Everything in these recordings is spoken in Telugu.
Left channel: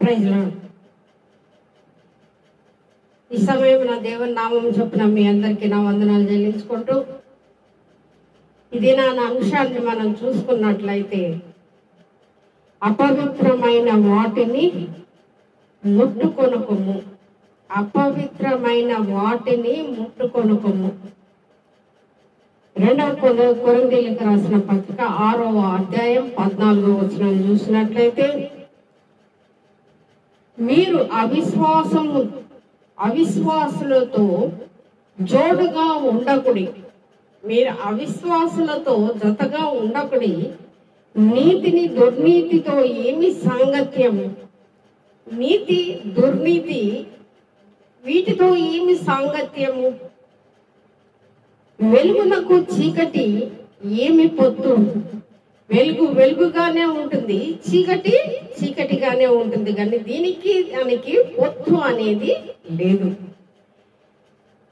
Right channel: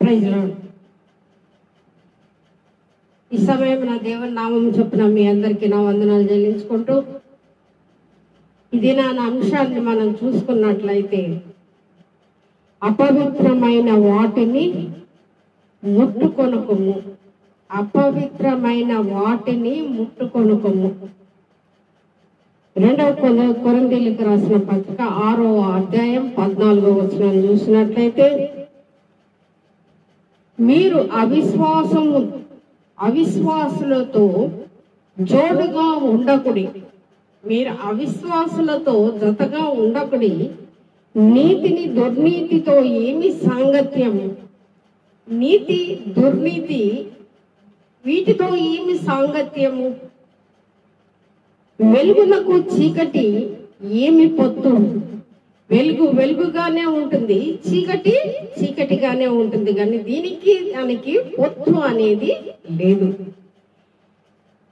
Praise lord. ఈ సమయం నా దేవుని నామం చొప్పున మీ అందరికీ నా వందనాలు చెల్లించుకుంటూ ఇది నా అంశాన్ని మనం చూసుకున్నట్లయితే అపవిత్రమైన వాటిని ముట్టుకొనకము, అపవిత్రమైన వాటిని ముట్టుకొనకము. 2 కొరింథీయులకు రాసిన పత్రిక 6వ అధ్యాయం 14వ వచనం చూసినట్లయితే, మీరు అవిశ్వాసులతో జోడుగా ఉండకుడి, మీరు అవిశ్వాసులతో జతగా ఉండకుడి. నీతిని దుర్నీతితో ఏమి సాంగత్యము? నీతి దుర్నీతి వీటితో ఏమి సాంగత్యము? వెలుగునకు చీకటి ఏమి పొత్తు? వెలుగు వెలుగుగానే ఉంటుంది, చీకటి చీకటిగానే ఉంటుంది, కానీ దానికి పొత్తు అనేది లేదు.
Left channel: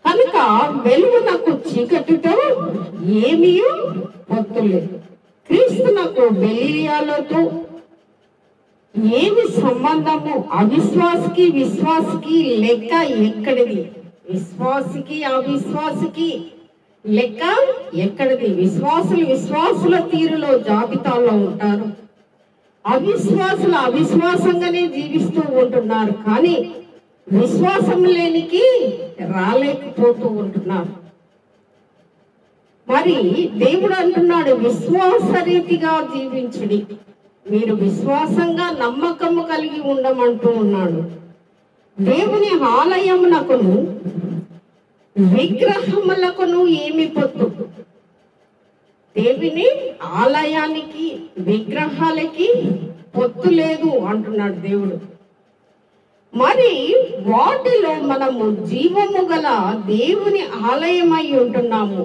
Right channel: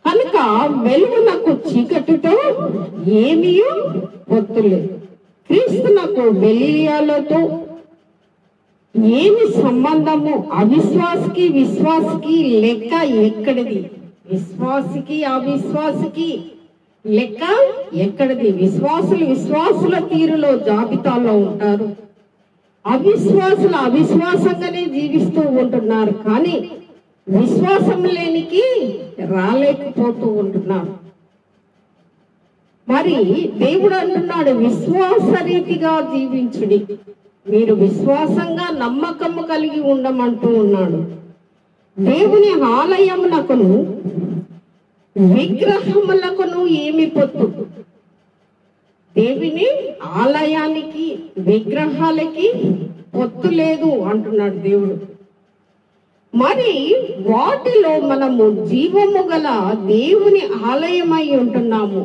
కనుక వెలుగునకు చీకటితో ఏమీ పొత్తు లేదు. క్రీస్తునకు బెలియాలతో ఏమి సంబంధము? అవిశ్వాసికి విశ్వాసికి లెక్క ఎక్కడిది? విశ్వాసికి అవిశ్వాసికి లెక్క ఎక్కడిది? విశ్వాసుల తీరులో జాబితాలో ఉంటారు, అవిశ్వాసులు అవిశ్వాసంగానే జీవిస్తూ ఉంటున్నారు, కానీ విశ్వాసం లేనికి రాలేకపోతూ ఉంటున్నారు. మరి దేవుడు అంటున్నాడు, విశ్వాస రీతిగా జీవించుడి, మీరు విశ్వాసంగా నమ్మకము కలిగి ఉండమంటూ ఉన్నాడు. దేవుని ఆలయమునకును విగ్రహములకును ఏమి పొత్తు? దేవుని ఆలయానికి విగ్రహాలకి పొత్తు లేదు అంటున్నాడు దేవుడు. మరి వాటిలో మనము జీవము గల దేవుని ఆలయమై ఉంటున్నాము,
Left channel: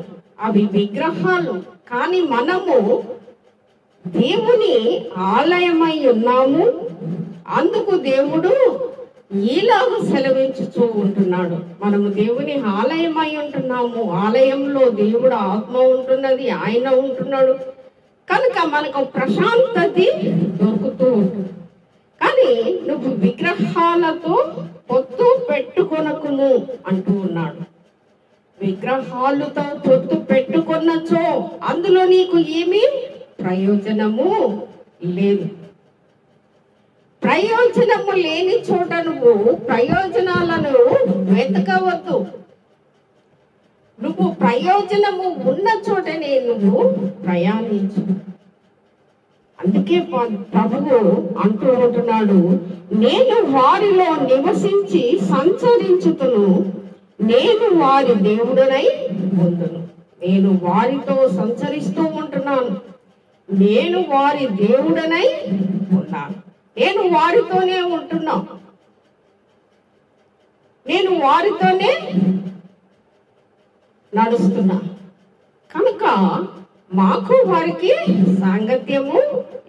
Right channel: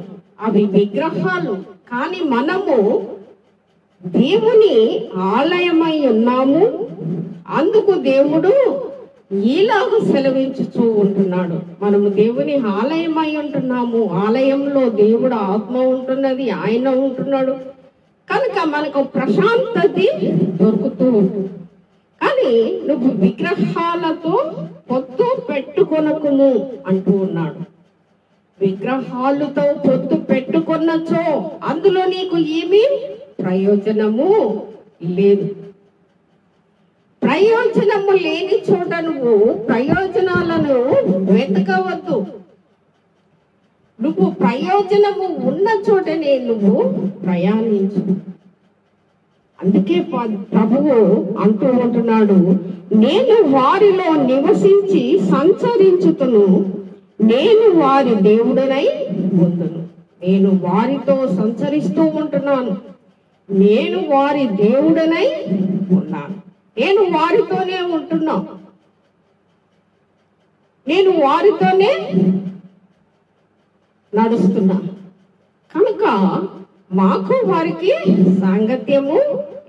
అవి విగ్రహాలు, కానీ మనము దేవుని ఆలయమై ఉన్నాము. అందుకు దేవుడు ఈలాగా సెలవించుతూ ఉంటున్నాడు, మనము దేవుని ఆలయమై ఉంటున్నాము, ఆలయంలో దేవుడు ఆత్మ ఉంటున్నది, ఆయన ఉంటున్నాడు, కనుక మనకు ప్రశాంతత దొరుకుతూ ఉంటుంది. కానీ నువ్వు విగ్రహాలతో పొత్తు పెట్టుకొనకును అంటూ ఉన్నాడు. విగ్రహాలతో పొత్తు పెట్టుకొన్నచో అందులో నీకు ఏమీ ప్రయోజనము లేదు. ప్రయోజనము లేని చోట నువ్వు ప్రయోజనాలను వెతకవద్దు. నువ్వు ప్రయోజనము ఉన్న చోటనే నువ్వు ప్రయాణించు. అందుకే ప్రభువు అంటూ ఉంటున్నాడు, నేను వారిలో నివసించి సంచరించుతును, నేను వారి దేవుడనై ఉంటును. నేను వారితో సంచరిస్తూ ఉంటున్నాను, నేను వారి దేవుడనై ఉన్నాను, నేను వారితోనే ఉంటున్నా, నేను వారితోనే నడుస్తున్నా. కనుక మాకు వారికి సాంగత్యము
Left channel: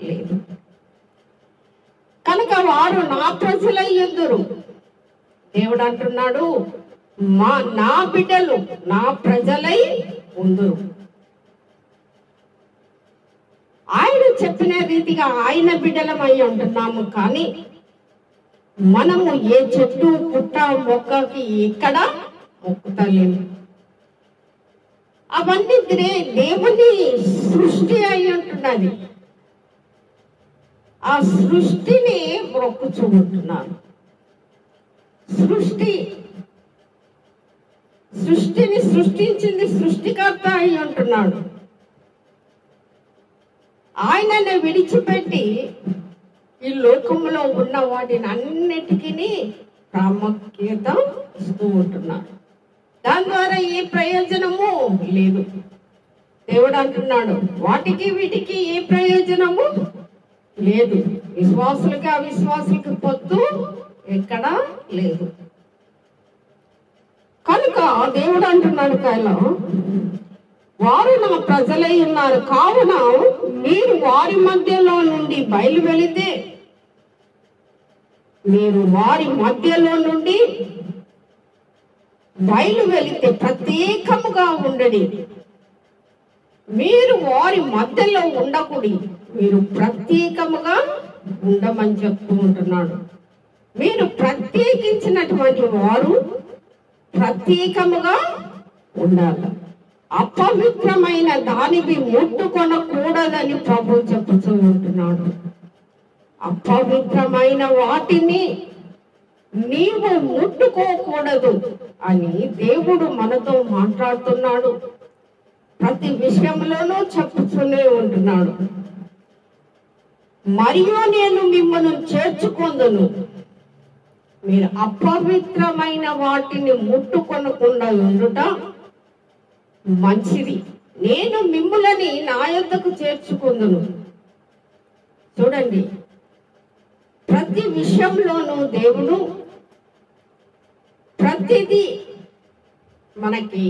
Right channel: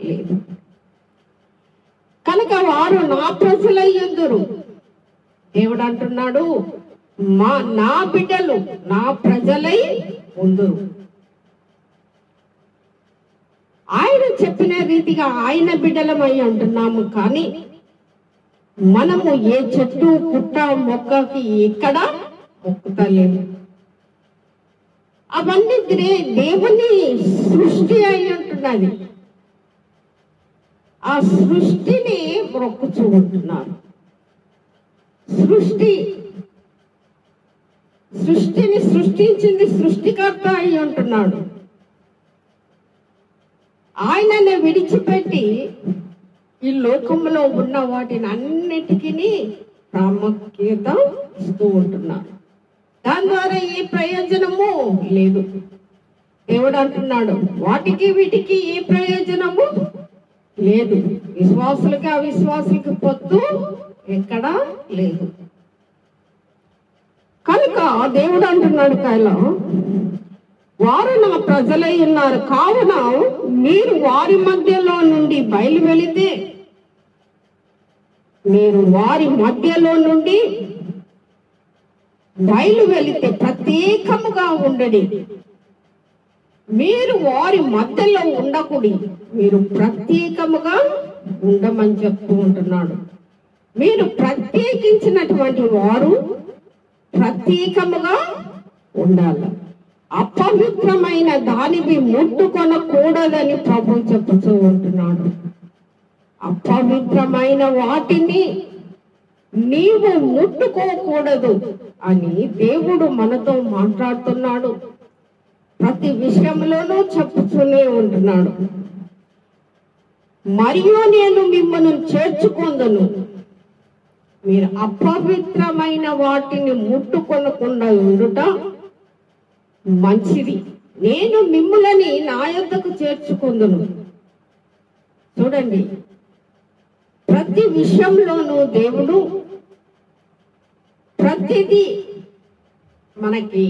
లేదు. కనుక వారు నా ప్రజలయ్యుందురు. దేవుడు అంటున్నాడు, నా బిడ్డలు నా ప్రజలై ఉందురు. ఆయన చెప్పిన రీతిగా ఆయన బిడ్డలమై ఉంటున్నాము, కానీ మనము ఏ చెట్టు పుట్ట మొక్కకి ఎక్కడ మొక్కుతలేము. అవన్నీ దేవుని సృష్టి అయి ఉంటున్నది, ఆ సృష్టిని మొక్కుచూ ఉంటున్నారు. సృష్టిని సృష్టించింది సృష్టికర్త అయి ఉంటున్నాడు. ఆయనను విడిచిపెట్టి ఈ లోకంలో ఉన్న వాటిని అన్నిటికీ ప్రాముఖ్యత ఇస్తూ ఉంటున్నారు. దాని ద్వారా ఏ ప్రయోజనము లేదు. దేవుడు అంటున్నాడు, వాటికి వీటికి ఏ ప్రయోజనము లేదు. విశ్వాసులకి అవిశ్వాసులకి పొత్తు ఎక్కడా లేదు. కనుక దేవుడు అంటున్నాడు, కాయలో వారు నా ప్రజలై ఉన్నారు, కావున మీరు వారి మధ్యలో నుండి బయలు వెళితే, మీరు వారి మధ్యలో నుండి బయలు వెళితే ప్రత్యేకముగా ఉండడి. మీరు వారి మధ్యలో ఉండకూడి, మీరు ప్రత్యేకముగా ఉండమని చెప్తూ ఉంటున్నాడు. మీరు ప్రత్యేకించినటువంటి వారు ప్రత్యేకముగా ఉండాలి. అపవిత్రమైన దానివి ముట్టుకొనకూడదని ప్రభు చెప్పుతూ ఉంటున్నాడు. అపవిత్రమైన వాటిని నీవు ముట్టుకోకూడదు అని దేవుడు మనతో మాట్లాడుతున్నాడు. ప్రతి విషయంలోనూ చెప్పుతూనే ఉంటున్నాడు. మరియు నేను మిమ్మల్ని చేర్చుకొందును, మీరు అపవిత్రమైన వాటిని ముట్టుకొనకుండా ఉండుట మంచిది, నేను మిమ్ములని నా యొద్దకు చేర్చుకొందును. చూడండి, ప్రతి విషయంలోనూ దేవుడు ప్రతిదీ మనకి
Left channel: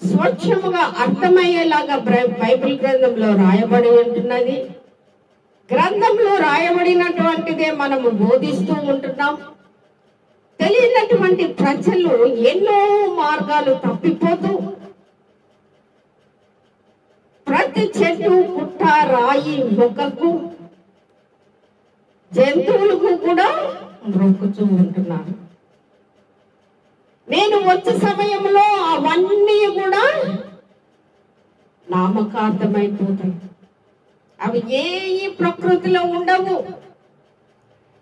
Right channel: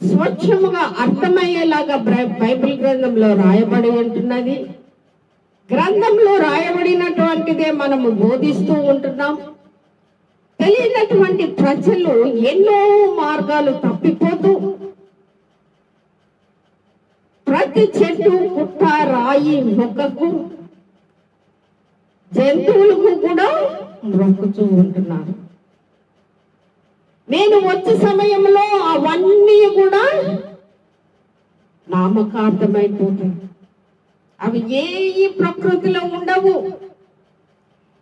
స్వచ్ఛముగా అర్థమయ్యేలాగా బైబిల్ గ్రంథంలో రాయబడి ఉంటున్నది. గ్రంథంలో రాయబడినటువంటిదే మనము బోధిస్తూ ఉంటున్నాం. తెలియనటువంటి ప్రజలు ఎన్నో మార్గాలు తప్పిపోతూ ప్రతి చెట్టు, పుట్ట, రాయి, మొక్కకు, జంతువులకు కూడా మొక్కుతూ ఉంటున్నారు. నేను వచ్చే సమయంలో అవన్నీ కూడా నామకార్థమైపోతాయి. అవి ఏ ప్రకృతిలో ఉండవు.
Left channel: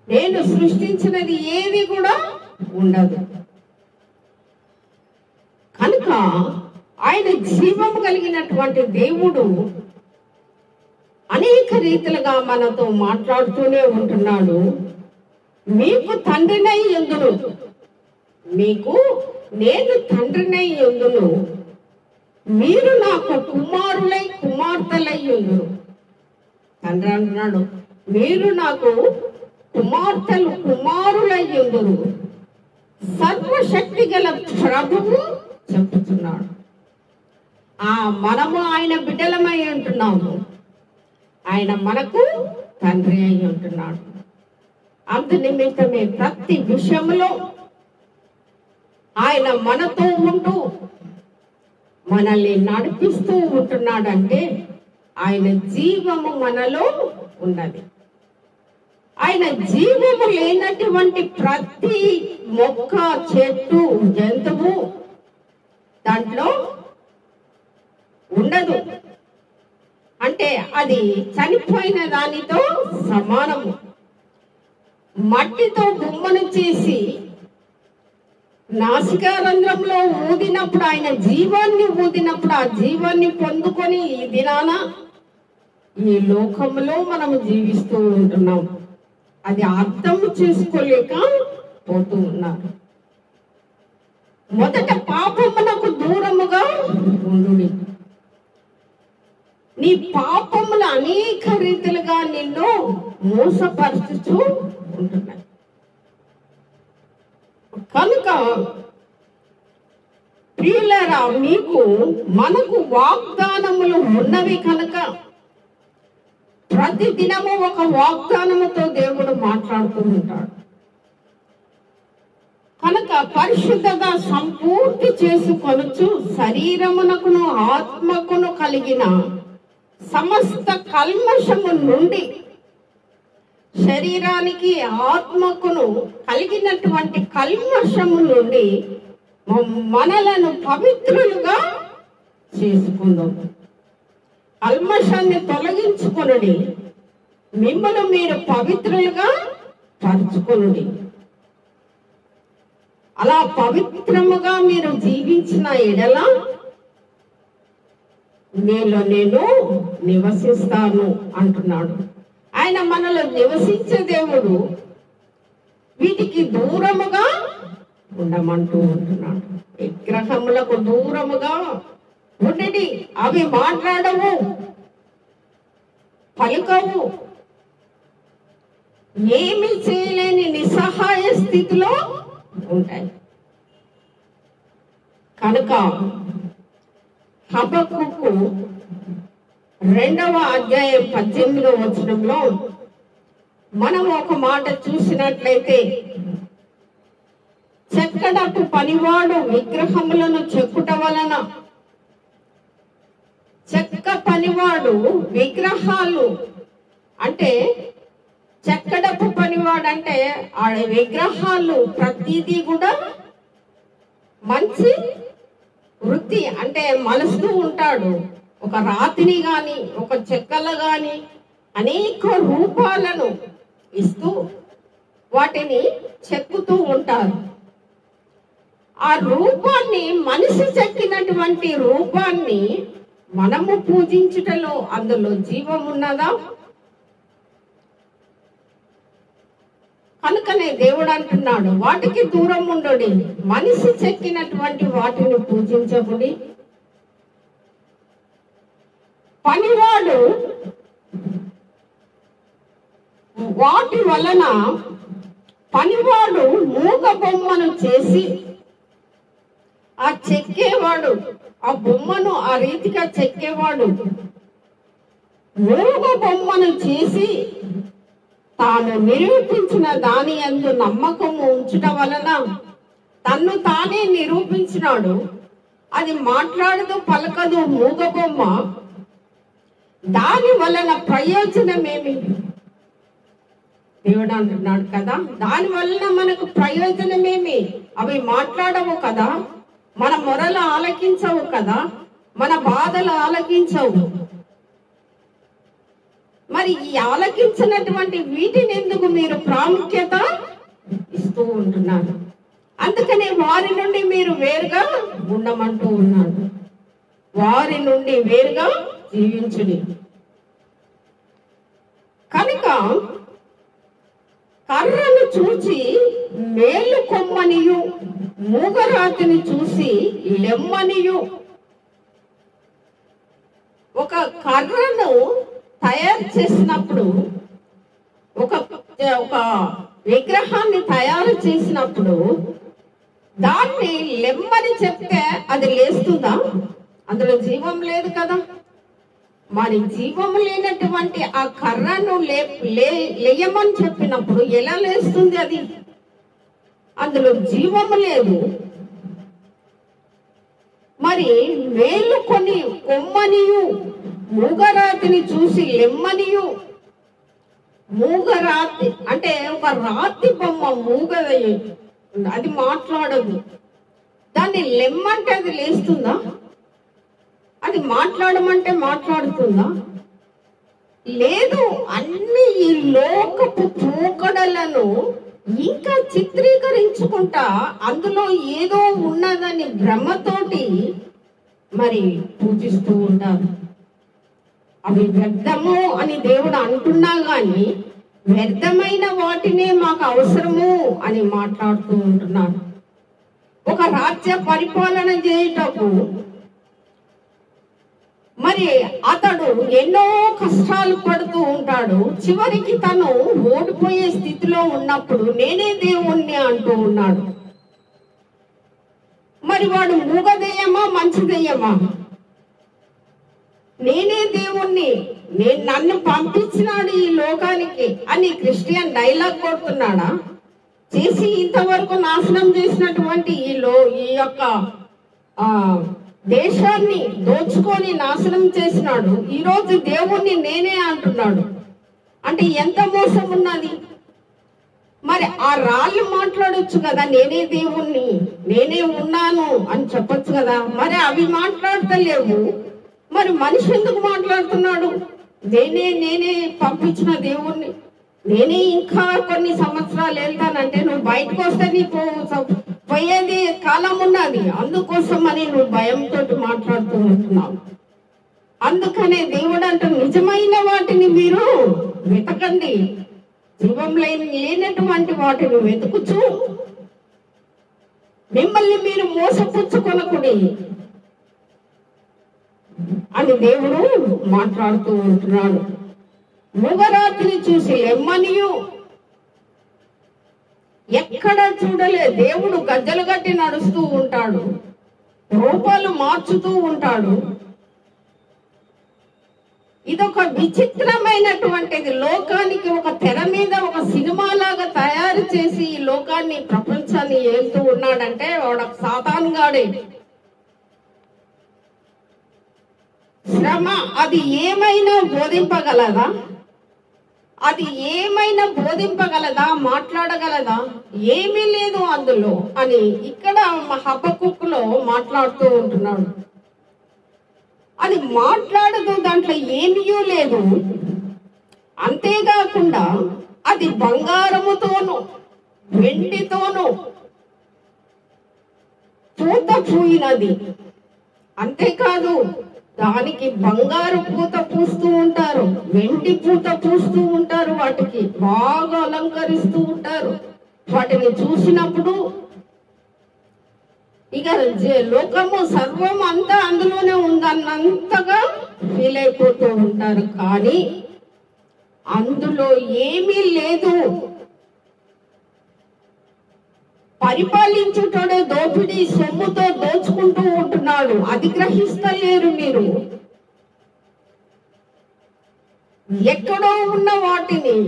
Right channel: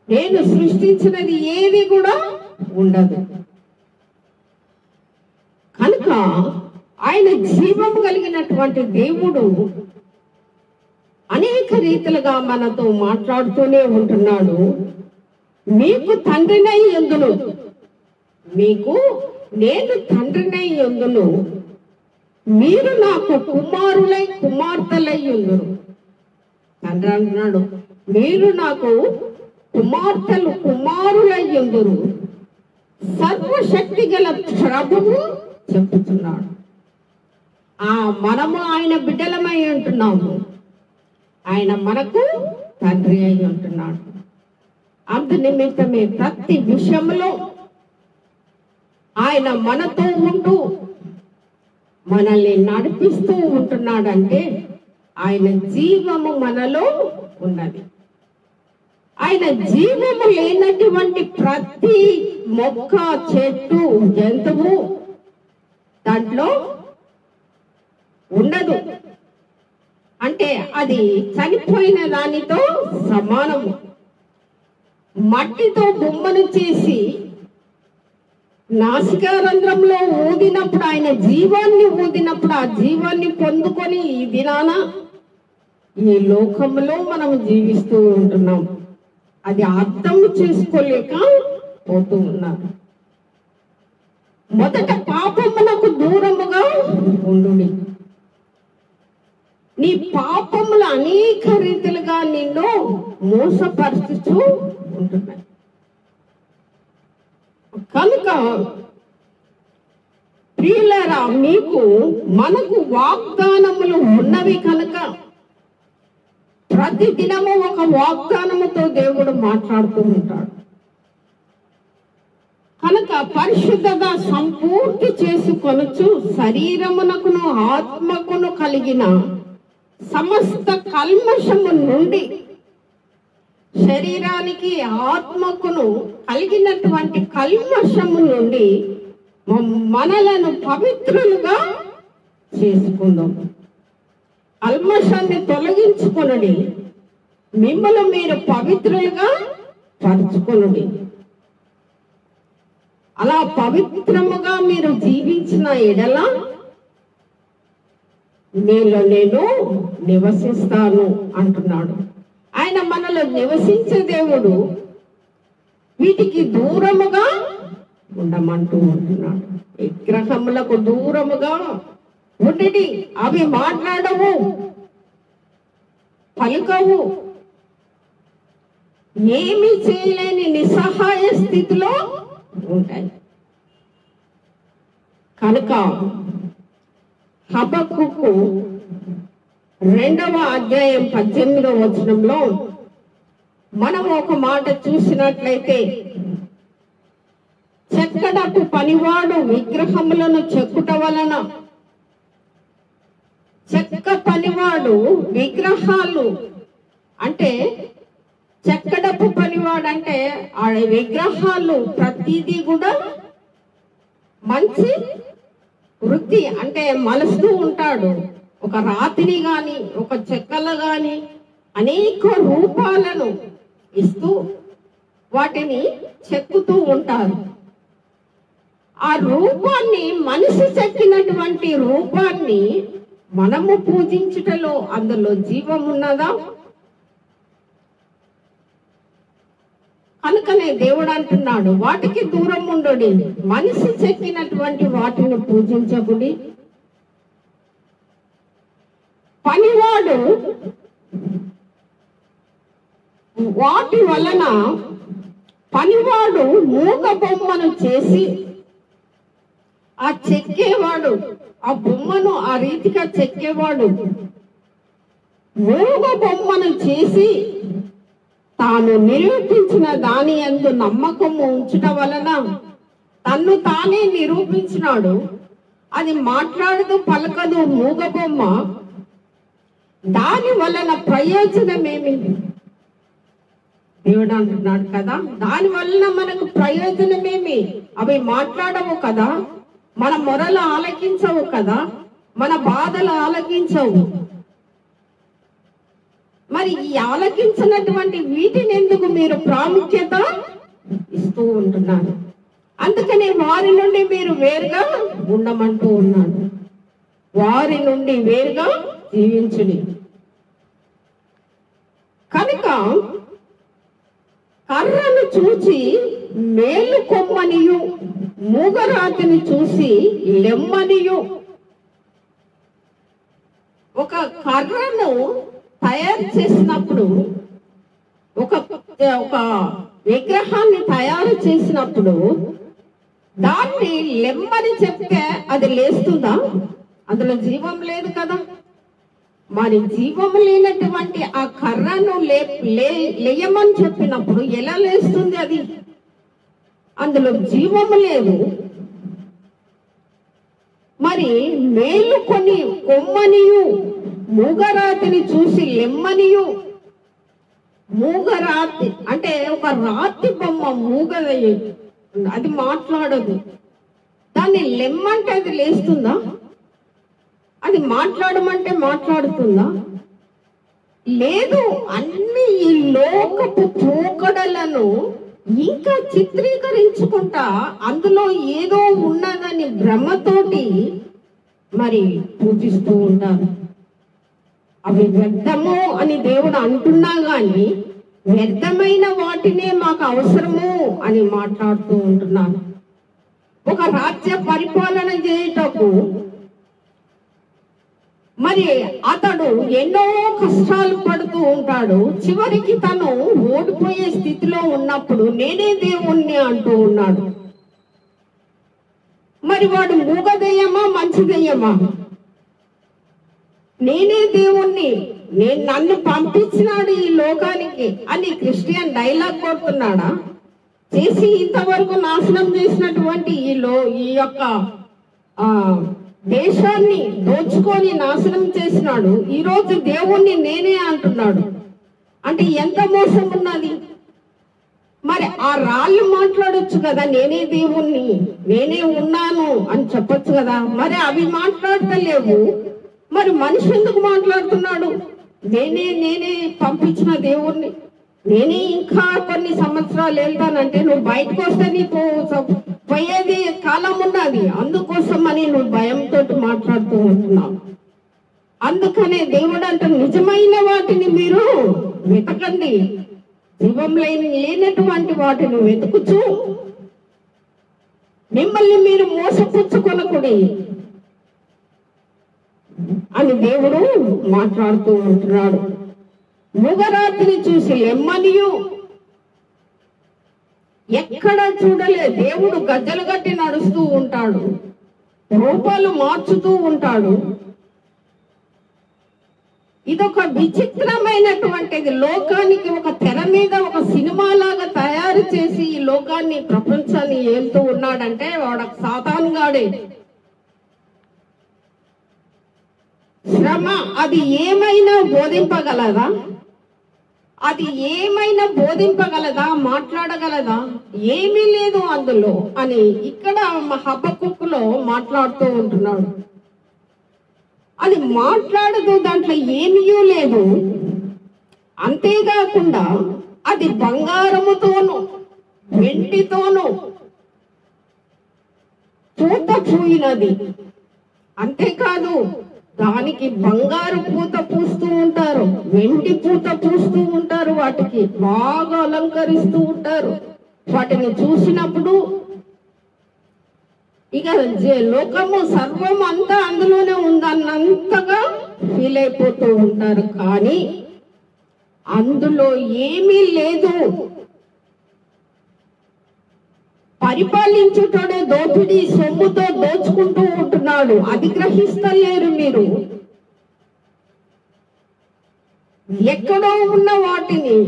నేను సృష్టించినది ఏది కూడా ఉండదు. కనుక ఆయన జీవం కలిగినటువంటి దేవుడు అనేక రీతిలుగా మనతో మాట్లాడుతూనే ఉంటున్నాడు. మీకు తండ్రినై యుందును, మీకు నేను తండ్రినై యుందును, మీరు నాకు కుమారులై కుమార్తెలై యుందురు. తండ్రి అంటున్నాడు, మీరు నాకు కుమార్తెలు కుమారులై యుందురు. సర్వశక్తి గల ప్రభువు చెప్పుతున్నాడు. మనము ఆయన బిడ్డలమై ఉంటున్నాము, ఆయన మనకు తండ్రి అయి ఉంటున్నాడు. అందు నిమిత్తమే ప్రతి విషయంలో ఆయన మనతో ఉంటూ మనల్ని నడిపిస్తూ ఉంటున్నాడంటే ఆయన జీవము మనలో ఉన్నది. ఆయన జీవము లేనటువంటి ప్రతి మొక్క, చెట్టు, జంతువు దాంట్లో ఉండదు. అంటే అది చనిపోయిన దానితో సమానము. మట్టితో బొమ్మను చేసి నాసికారంధ్రంలో ఊదినప్పుడు, ఆయన జీవాన్ని ఊదినప్పుడు, ఆ జీవాన్ని పొందుకొని ఈ దినాన ఈ లోకంలో మనం జీవిస్తూ ఉంటున్నాం. అది అర్థం చేసుకోలేక పోతూ ఉన్నారు. మొదట పాపమునకు దూరముగా ఉండుడి. నీ పాపములు అనేక రీతిలుగా నిన్ను మోసపరుస్తూ ఉంటున్నాయి. కనుక ప్రియులారా, మనకు వాగ్దానములు ఉన్నవి కనుక ప్రతి దినము ఒక వాగ్దానముతో దేవుడు మాట్లాడుతూ ఉంటాడు. కనుక పరిశుద్ధత సంపూర్తి చేసుకొనుచు శరీరమునకును ఆత్మకును కలిగిన సమస్త కల్మషము నుండి, శరీరానికి ఆత్మకును కలిగినటువంటి కల్మషము నుండి మనలను పవిత్రులుగా చేసుకుందాం. కల్మషాన్ని తొలగించుకొనుడి, మిమ్మల్ని మీరు పవిత్రులుగా పరుచుకొనుడి. అలా పవిత్రముగా మీరు జీవించిన ఎడల నీలో నేను నివసిస్తాను అంటున్నాడు. ఆయన మనలో నివసించే దేవుడు. వీటికి దూరముగా ఉండమంటూ ఉంటున్నాడు. విగ్రహములకు దూరముగా ఉండి అవి మాట్లాడవు, పలుకవు, ఏమీ చేయలేని నిస్సహాయ స్థితిలో ఉంటాయి. కనుక హబక్కుకు 2వ అధ్యాయం 18వ వచనంలో మనం ఒక మాట చూసినట్లయితే, చెక్కడపు పనివాడు విగ్రహములను చెక్కుట వలన, చెక్క పనివాడు విగ్రహాలు అంటే చెక్కడ కట్టడపు పనివాడంటే ఆ విగ్రహాలు ప్రతిదీ కూడా మంచి వృత్తి అంటే మలుస్తూ ఉంటాడు. ఒక రాతిని గాని ఒక చెక్కలు గాని అనేక రూపాలను ఇస్తూ వాటిని చెక్కుతూ ఉంటారు. ఆ రూపాన్ని, మనిషి చెక్కినటువంటి రూపాన్ని మనము పూజించుటలో అందులో జీవం ఉన్నదా? కనుకనే దేవుడు అంటున్నాడు, వాటికి దూరం ఉండుడి, మనిషి చెక్కినటువంటి వాటిని పూజించకుడి. పనివాడు వాటి వలన పనివాడు మూగ బొమ్మను చేసి ఆ చెక్కేవాడు, ఆ బొమ్మను ఆ రీతిగా చెక్కేవాడు మూగ బొమ్మను చేసి తాను నిరూపించిన దాని యందు నమ్మకము ఉంచటం వలన తన్ను తానే నిరూపించినాడు. అది మాట్లాడదు, పలకదు, మూగ బొమ్మ. దాని వలన ప్రయోజనమేమి? దేవుడు అంటున్నాడు కదా, దాని వలన మనకు ప్రయోజనమేమి? అవి మాట్లాడవు కదా, మన మొరలు ఆలకించవు కదా, మన బాధలు ఆలకించవు. మరి ఈ ఆలకించినటువంటి వీటిని ఎందుకు మీరు ప్రాముఖ్యత ఇస్తూ ఉంటున్నారు? అందుకనే వారి నుండి మీరు వేరుగా ఉండమంటూ ఉన్నాడు. వారి నుండి వేరుగా జీవించుడి. కనుక కర్రను చూచి మేలు కొమ్మనియు, మూగరాతిని చూసి లెమ్మనియు. ఒక కర్రను తయారు చేసినప్పుడు, ఒక విగ్రహాన్ని తయారు చేసినప్పుడు దాన్ని లెమ్మని చెప్తే అది లేస్తుందా? అందులో జీవం లేదు కదా. మరి జీవము లేనటువంటి ఆ కర్రను లేయమని చెప్పినప్పుడు ఎలా లేస్తుంది? అది అందులో జీవము లేదు. మరి మేలుకొని కొమ్మనియు, మూగరాతిని చూసి లెమ్మనియు. మూగరాతి అంటే ఒక రాతి బొమ్మ, మూగది, అది మాట్లాడదు. దాన్ని లెమ్మంటే అది లేస్తుందా? అది మాట్లాడమంటే మాట్లాడుతుందా? లేదు. అన్ని ఈ లోకపు పోకడలను ఇంకా చిత్రీకరించుకుంటా అందులో ఏదో ఉన్నదని భ్రమతోటి మరి పూజిస్తూ ఉంటారు. అవి వ్యర్థము అని దేవుడు అంటున్నా గాని వ్యర్థమైన వాటినే మాకు అవసరము అని మాట్లాడుతూ ఉంటున్నాడు. ఒక రాజ్య పరిపాలన చేయుటకు మరి అతడు ఎన్నో కష్టాలు పడుతూ ఉంటాడు. చివరికి తను ఓడిపోయే స్థితిలో ఉన్నప్పుడు నేనే దేవుణ్ణి అంటూ ఉన్నాడు. మరి వాడు మూగదెయ్యమా మంచిదెయ్యమా? నేనే దేవుణ్ణి, నన్ను పంపించినాడు ఈ లోకానికి అని క్రిస్టియన్ డైలాగ్ కొడుతున్నాడా? చేసి ఇంతవరకు నాశనం చేసినటువంటి ఈ యొక్క దేశాన్ని దోచుకొని నాశనం చేసినాడు. ఈరోజు దేవుణ్ణి నేనే అంటున్నాడు. అంటే ఎంత మోసం ఉన్నది. మరి ఆ రాళ్ళు మాట్లాడొచ్చు కదా, నేనే దేవుణ్ణి, నేనే ఉన్నాను అని చెప్పొచ్చు కదా. మరి అవి మాట్లాడతలేవు. మరి మనిషి ఎందుకు మాట్లాడుతున్నాడు? నేనే పంపించిన దేవుణ్ణి, నేనే ఇంకా కొన్ని సంవత్సరాలు వెళ్తానంటే నువ్వు బయటకు వస్తే నీకు పోయేది కాలం ఉన్నది, అందుకోసం అని నువ్వు భయంతో మాట్లాడుతూ ఉంటున్నావు. అందుకనే దేవుడు అంటూ నిజమైన వాటిని మీరు వెతకండి, జీవం లేనటువంటి వాటిని వెతుకుచు మిమ్మల్ని మీరు మోసపుచ్చుకొనకుడి అని దేవుడు మాట్లాడుతూ ఉంటున్నాడు. మూగరాతిని చూసి లెమ్మనియు. ఎక్కడ చూడలే దేవుడు గజ్జలు గట్టి నడుస్తూ ఉంటాడు, రూపాలు మార్చుతూ ఉంటాడు. ఇదొక విచిత్రమైనటువంటిది. లోకానికి ఒక తెర మీద ఒక సినిమా లాగా తయారు చేసి ఈ లోకాన్ని, ప్రపంచాన్ని ఏలుతూ ఉన్నాడంటే వాడు సాతాను గాడే. శ్రమ అది ఏమైనా బోధింపగలదా? అది ఏమైనా బోధింపగలదా, మాట్లాడగలదా? ఏమీ లేదు అందులో అని ఇక్కడ హబక్కుకులో మాట్లాడుతూ ఉంటున్నాడు. అది మాట్లాడదు, దాంట్లో ఏమీ లేదు. అంతేకాకుండా అది బంగారముతోను వెండితోను పూత పూయినది. అంతేకాదు, దానికి బంగారు పూత పూస్తూ ఉంటారు, వెండి పూత పూస్తూ ఉంటారు, వాటికి బాగా అలంకరిస్తూ ఉంటారు. వాటిని చూసినప్పుడు ఇక లోకము సర్వం అంతా అందులోనే ఉందన్నంతగా ఫీల్ అయిపోతూ ఉంటారు. కానీ అందులో ఏమీ లేదు. పరిపాలించేటోడే దోపిడీ సొమ్ముతో దోచుకుంటూ ఉంటున్నాడు. అది గ్రహిస్తలేరు మీరు. ఎక్కడో ఉన్న వాటిని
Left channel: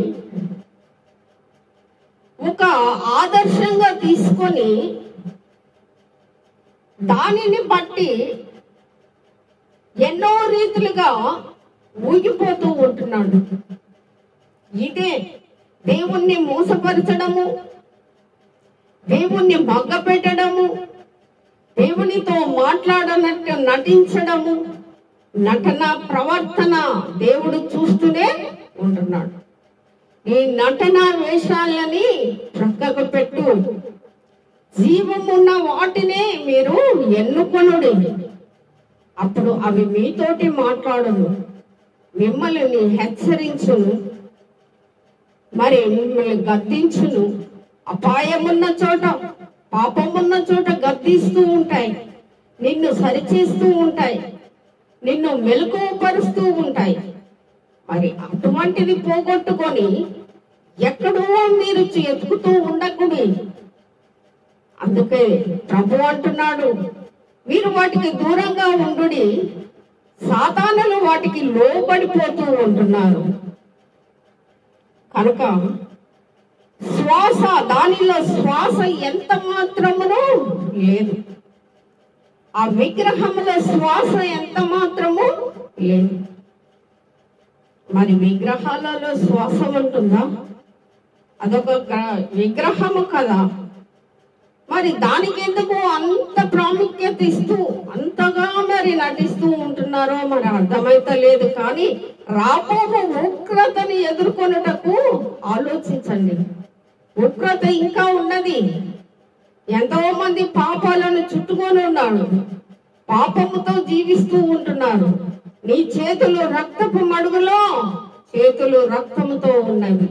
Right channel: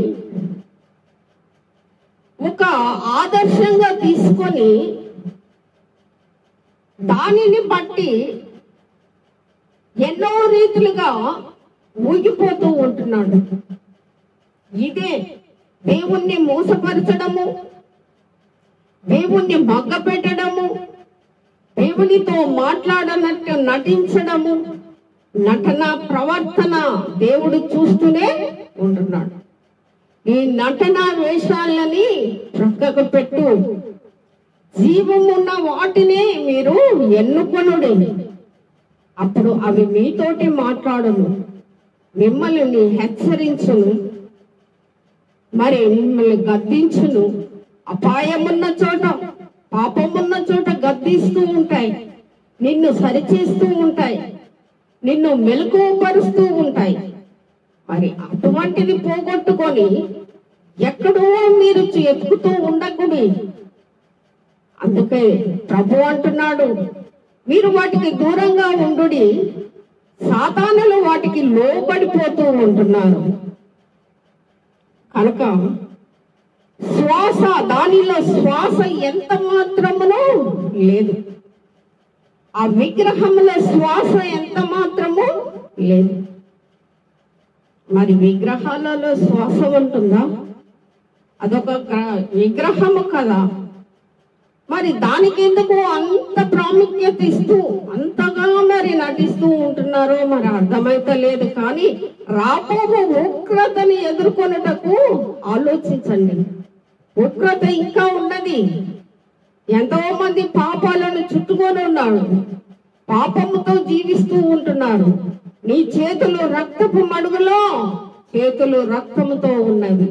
ఒక ఆదర్శంగా తీసుకొని దానిని బట్టి ఎన్నో రీతులుగా ఊగిపోతూ ఉంటున్నాడు. ఇదే దేవుణ్ణి మోసపరచడము, దేవుణ్ణి మగ్గపెట్టడము, దేవునితో మాట్లాడనట్టు నటించడము, నటన ప్రవర్తన దేవుడు చూస్తూనే ఉంటున్నాడు. నీ నటన వేషాలని ప్రక్కకు పెట్టు, జీవమున్న వాటినే మీరు ఎన్నుకొనుడి. అప్పుడు అవి మీతోటి మాట్లాడును, మిమ్మల్ని హెచ్చరించును, మరి మిమ్మల్ని గద్దించును. అపాయమున్న చోట, పాపమున్న చోట గద్దిస్తూ ఉంటాయి, నిన్ను సరిచేస్తూ ఉంటాయి, నిన్ను మెలకువపరుస్తూ ఉంటాయి. మరి అటువంటిది పోగొట్టుకొని ఎక్కడో మీరు ఎతుకుతూ ఉండకూడదు. అందుకే ప్రభు అంటున్నాడు, మీరు వాటికి దూరంగా ఉండుడి, సాతానులు వాటికి లోబడిపోతూ ఉంటున్నారు. కనుక శ్వాస, దానిలో శ్వాస ఎంత మాత్రమునో లేదు. ఆ విగ్రహంలో శ్వాస ఎంత మాత్రము లేదు. మరి విగ్రహాలలో శ్వాస ఉంటుందా? అదొక విగ్రహము కదా. మరి దానికి ఎందుకు అంత ప్రాముఖ్యత ఇస్తూ అంతగా మరి నటిస్తూ ఉంటున్నారో మరి అర్థమైతలేదు. కానీ రాబోవు ఉగ్రతని ఎదుర్కొనుటకు ఆలోచించండి. ఉగ్రత ఇంకా ఉన్నది. ఎంతో మంది పాపాలను చుట్టుకొని ఉన్నాడు, పాపముతో జీవిస్తూ ఉంటున్నారు. నీ చేతులు రక్తపు మడుగులో, చేతులు రక్తముతో ఉన్నవి.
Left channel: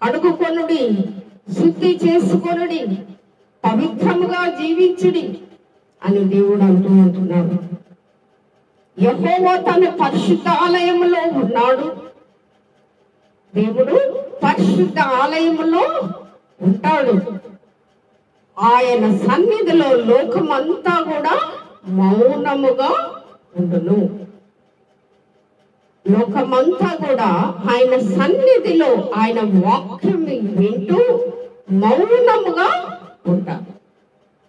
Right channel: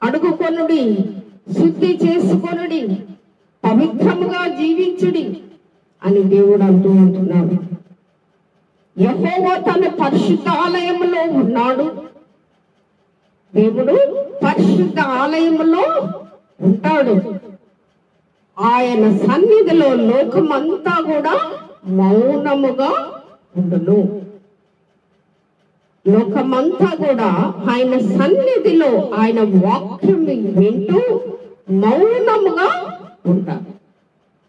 కడుగుకొనుడి, శుద్ధి చేసుకొనుడి, పవిత్రముగా జీవించుడి అని దేవుడు అంటూ ఉంటున్నాడు. యెహోవా తన పరిశుద్ధ ఆలయంలో ఉన్నాడు. దేవుడు పరిశుద్ధ ఆలయంలో ఉంటాడు. ఆయన సన్నిధిలో లోకమంతా కూడా మౌనముగా ఉండును. లోకమంతా కూడా ఆయన సన్నిధిలో ఆయన వాక్యం వింటూ మౌనముగా ఉంటారు.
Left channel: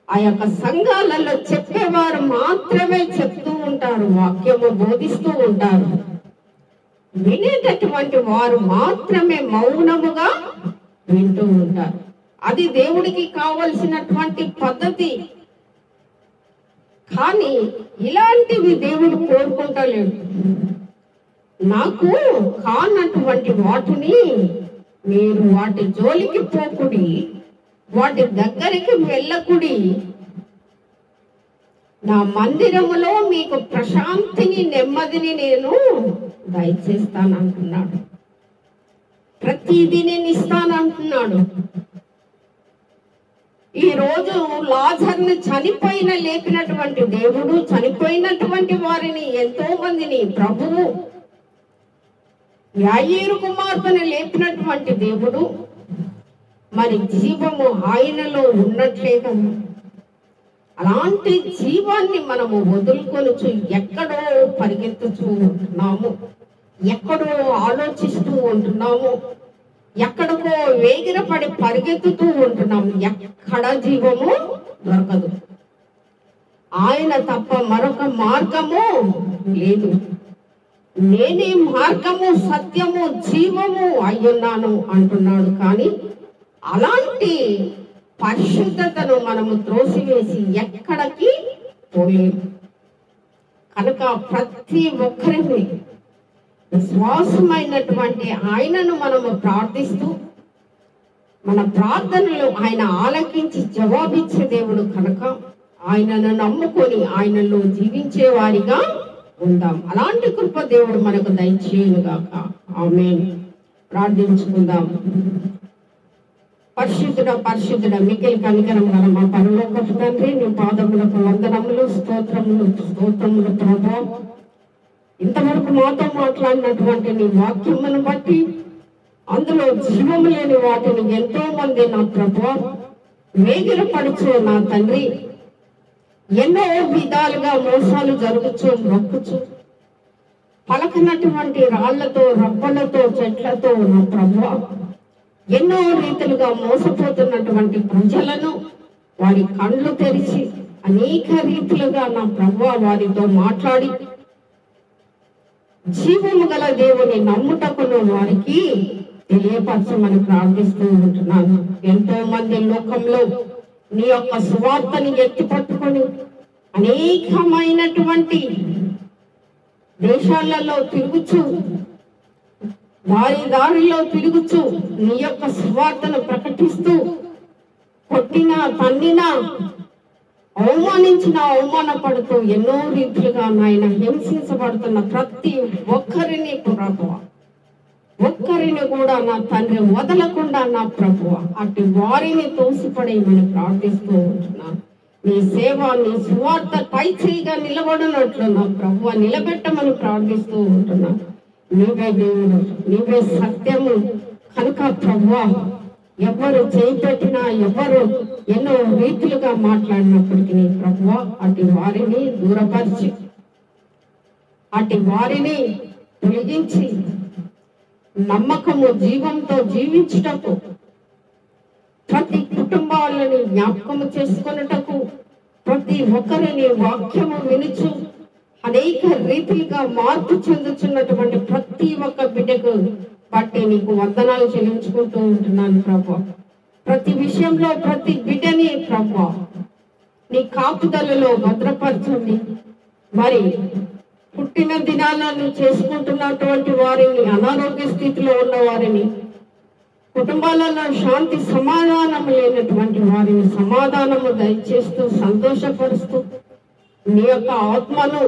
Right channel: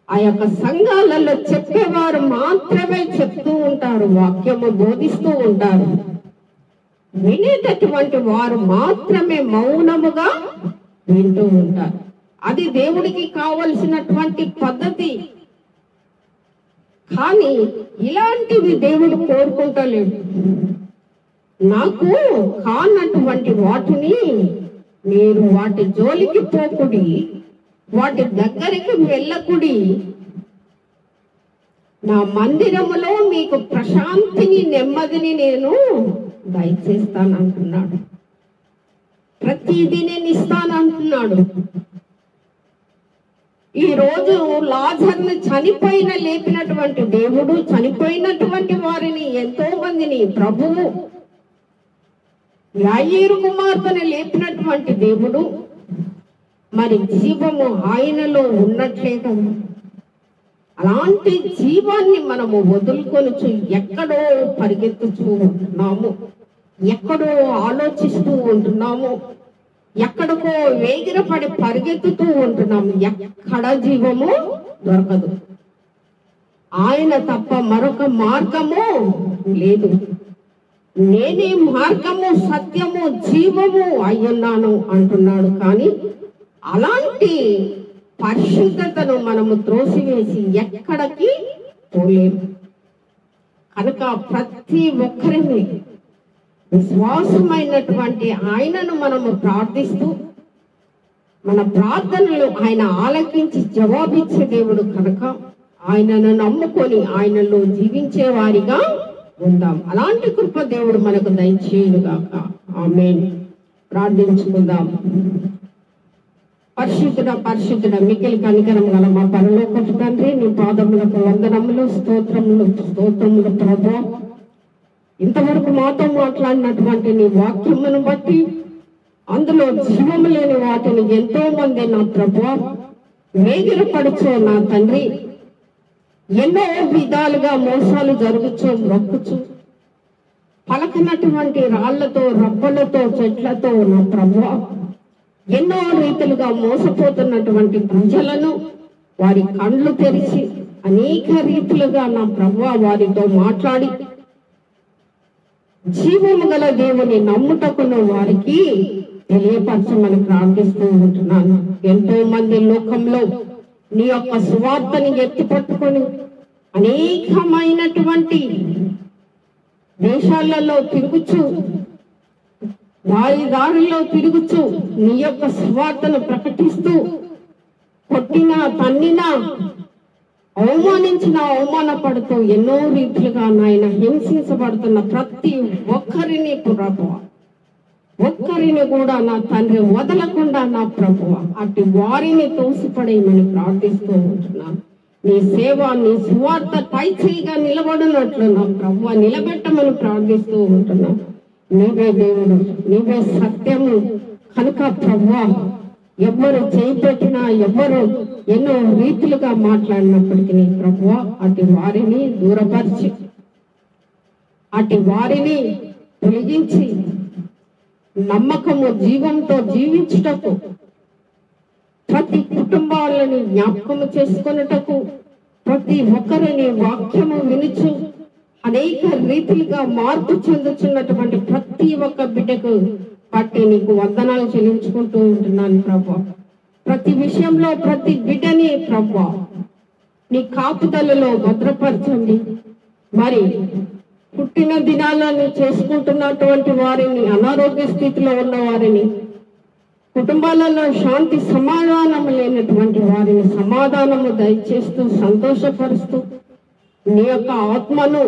ఆ యొక్క సంఘాలలో చెప్పేవారు మాత్రమే చెప్తూ ఉంటారు, వాక్యము బోధిస్తూ ఉంటారు. వినేటటువంటి వారు మాత్రమే మౌనముగా వింటూ ఉంటారు. అది దేవుడికి కావలసినటువంటి పద్ధతి. కానీ ఇలాంటివి దేవుడు కోరుకుంటలేడు. నాకు కానటువంటి వాటిని మీరు వాటి జోలికి పోకుడి, వాటి దగ్గరికి వెళ్ళకుడి. నా మందిరములో మీకు ప్రశాంతిని, నెమ్మదిని నేను దయచేస్తానంటున్నాడు. ప్రతిదీ నేను ఇస్తానంటున్నాడు. ఈ రోజు లాజర్ని చనిపోయిన లేపినటువంటి దేవుడు, చనిపోయినటువంటి వారిని ఎంతో మందిని ప్రభువు, యాయీరు కుమార్తెను లేపినటువంటి దేవుడు, మరి జీవము ఆయనలో ఉన్నట్లే కదా. అలాంటి జీవాన్ని మనము వదులుకొనుచు ఎక్కడో పరిగెత్తుచూ ఉంటున్నాము, ఎక్కడో ఆలోచిస్తూ ఉంటున్నాము, ఎక్కడికో వేగిరపడి పరిగెత్తుతూ ఉంటున్నాము. ఎక్కడ జీవము దొరకదు. ఆయన తప్ప మరొక మార్గము లేదు. నేనే మార్గము, సత్యము, జీవము అయ్యున్నాను అంటున్నాడు. కానీ అలాంటి పరిశుద్ధతను మనము త్రోసివేసి ఎక్కడికి పోలేము. కనుక ప్రతి ఒక్కరిని విశ్వాసమైనటువంటి ఆయనను మనము ప్రార్థిస్తూ, మన ప్రార్థనలు ఆయన ఆలకించి జవాబిచ్చే దేవుడు కనుక ఆయనను నమ్ముకొని ఆయనలో జీవించే వారిగా ఉందాం. అలాంటి కృప దేవుడు మనకు దయచేయుగాక. ఆమేన్. ప్రార్థించుకుందాం. పరిశుద్ధుడ మిక్కిలి కనికరం గల మా పరలోకపు తండ్రి, నీ పాదములకు వందనములు, స్తోత్రములు ప్రభా. ఇంతవరకు మాతో మాట్లాడినటువంటి నీ వాక్యమును బట్టి అందులో జీవము లేని వాటిని ఎంతో మంది నా ప్రభా వేగిరపడుచు నా తండ్రి ఎన్నో విధాలుగా మోసాలు జరుగుచు మొక్కుచు పలకనటువంటి రాళ్లతో, రప్పలతో, చెట్లతో నా ప్రభా ఎన్నో రీతులుగా మోసపోతున్నటువంటి ప్రజలను వారి కళ్ళు తెరిచి అనేక రీతులుగా నా ప్రభువా వారితో మాట్లాడి జీవము గల దేవుని నమ్ముటకును వారికి తెలియపరచమని ప్రార్థిస్తూ ఉంటున్నాను. ఎంతో మంది లోకంలో నీ యొక్క సువార్తని ఎత్తి పట్టుకొని అనేకమైనటువంటి దేశాలలో తిరుగుచు, దారిలో తిరుగుచు నీ యొక్క సువార్తను ప్రకటిస్తూ కొట్టినా, తన్నినా, అవమానపడుతూ ఎన్నో రీతిలుగా నాయన హింసించబడుతున్న ప్రతి ఒక్కరిని ప్రభువ, ఒక్కరిని కూడా నా తండ్రి వదలకుండా నా ప్రభువ అట్టి వారిని తోసిపడేయమని ప్రార్థిస్తూ ఉంటున్నాను. నీ సేవ, నీ సువార్త పై చేయిగా నిలబడినట్లు నా ప్రభువ నిలబెట్టమని ప్రార్థిస్తూ ఉంటున్నాను. నీవే దేవుడు, నీవే సత్యము కనుక ప్రభువా ఎవరు చేపెట్టినా, ఎవరు ఎన్నో రీతులుగా మాట్లాడినప్పటికీ ప్రభువా అటు వారిని దూరపరిచి, అటు వారిని తొలగించి నమ్మకము జీవంతో జీవించుటకు, ప్రతి కుటుంబాలని జ్ఞాపకము చేసుకొనుటకు, ప్రతి ఒక్కరిని వాక్యము వినుచు అనేక రీతిలుగా మార్పు చెందుతున్నటువంటి ప్రతి ఒక్క బిడ్డకు బట్టి నీకు వందనాలు చెల్లించుకుంటూ ఉంటున్నాను ప్రభువా. ప్రతి విషయంలో ప్రతి బిడ్డని ప్రభువా నీ కాపుదలలో భద్రపరచండి. మరి పుట్టిన దినాలను చేసుకుంటున్నటువంటి వారిని, అనారోగ్య స్థితిలో ఉన్న వారిని, కుటుంబాలలో శాంతి సమాధానం లేనటువంటి వారిని సమాధానము దయచేస్తూ సంతోషపరుస్తూ నీ యొక్క ఆత్మను,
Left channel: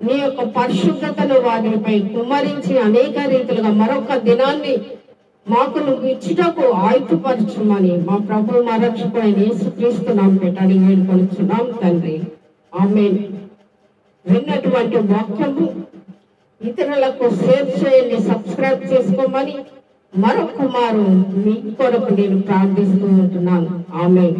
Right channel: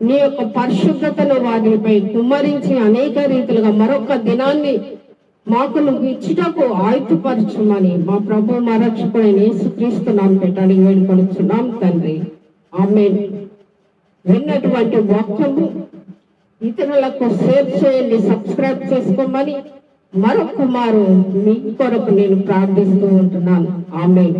నీ యొక్క పరిశుద్ధతను వారిపై కుమ్మరించి అనేక రీతిలుగా మరొక దినాన్ని మాకు నువ్వు ఇచ్చుటకు ఆయుధపరచమని మా ప్రభు మా రక్షకుడైన యేసుక్రీస్తు నామమున పెట్టాలి వేడుకొనుచున్నాం తండ్రి. ఆమేన్. విన్నటువంటి వాక్యము ఇతరులకు షేర్ చేయండి, సబ్స్క్రైబ్ చేసుకోమని మరొక మారు మీ కొరకు నేను ప్రార్థిస్తూ ఉంటున్నాను. ఆమేన్.